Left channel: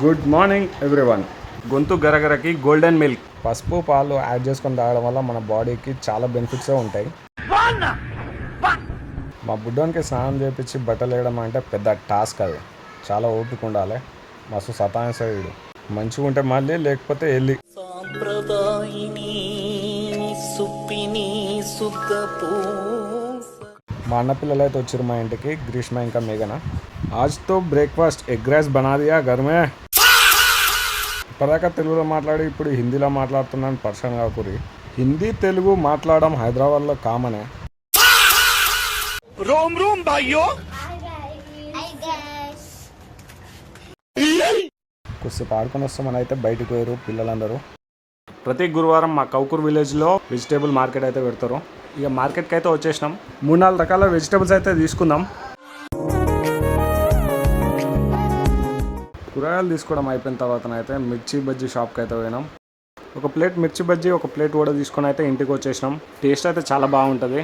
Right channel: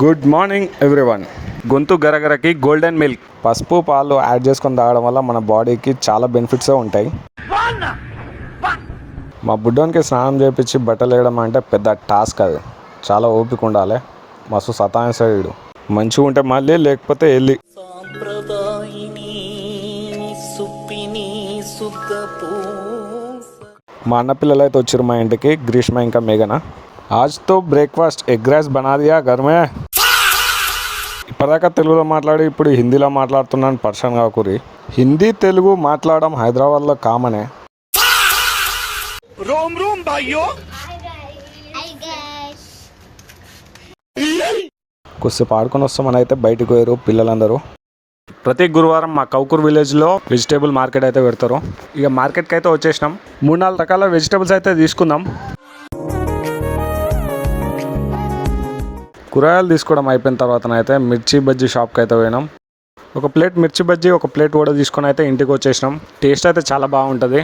Good morning everyone. గొంతు గరగరకి golden milk పసుపు పాలు యాడ్ చేసుకొని తాగడం వల్ల మన బాడీకి చాలా బెనిఫిట్స్ ఉంటాయి. మా బుడ్డోనికి స్నానం చేయించి బట్టలు వేయడం అంటే పెద్ద టాస్క్. అది చాలా ఓపిక ఉండాలి. మస్తు సతాయిస్తాడు. మంచిగా ఉంటే మళ్ళీ, లేకపోతే వెళ్ళి. మా అన్న పిల్లలు అయితే వచ్చారు మా ఇంటికి, గ్రీష్మ ఇంకా మేఘన. ఆజ్తో బ్రేక్ఫాస్ట్ ఎగ్ రైస్ బనా దియా ఘర్ మే. ఇప్పటిదాకా తెలుగులో మాట్లాడి ఇప్పుడు హిందీలో మాట్లాడుతున్నాను, పర్సన్ కాకూరి. హిందీ తెలుగు మాట్లాడడం హైదరాబాద్లో కామనే. రోమ్ రోమ్ భాయ్యో. కొద్దిసేపు ఆడుకొని వస్తామని అయితే బయటకు పోయారు పిల్లలందరూ. ప్రతి గురువారం మా కౌకూర్ విలేజ్లో వెజిటేబుల్ మార్కెట్ అయితే పెడతారు. ఇక మార్కెట్కి అయితే వచ్చేసినాం. 3-4 రకాల వెజిటేబుల్స్ అయితే తీసుకుందాం. కూరగాయలు తీసుకోవడం అయిపోయిన తర్వాత అయితే మిర్చి బజ్జీ షాప్కి అయితే పోయినాం. ఒక ప్లేట్ మిర్చి బజ్జీ, ఒక ప్లేట్ కూడా తీసుకొని అయితే ఇంటికి వచ్చేసినాం. టేస్ట్ అయితే చాలా బాగుంటుంది.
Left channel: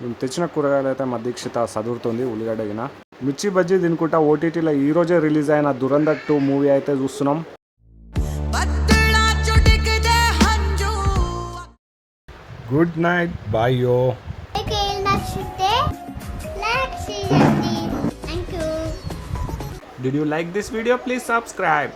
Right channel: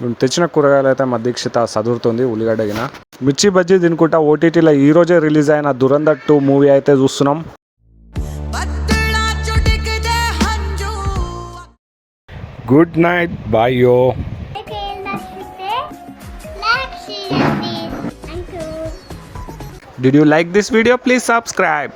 మేము తెచ్చిన కూరగాయలు అయితే మా దీక్షిత చదువుతుంది. ఉల్లిగడ్డ గిన మిర్చి బజ్జీ తినుకుంటా ఓటీటీలో ఈరోజే రిలీజ్ అయిన దురంధర్ 2 మూవీ అయితే చూస్తున్నాం. గుడ్ నైట్, బాయ్ యో. Did you like this video? Please subscribe.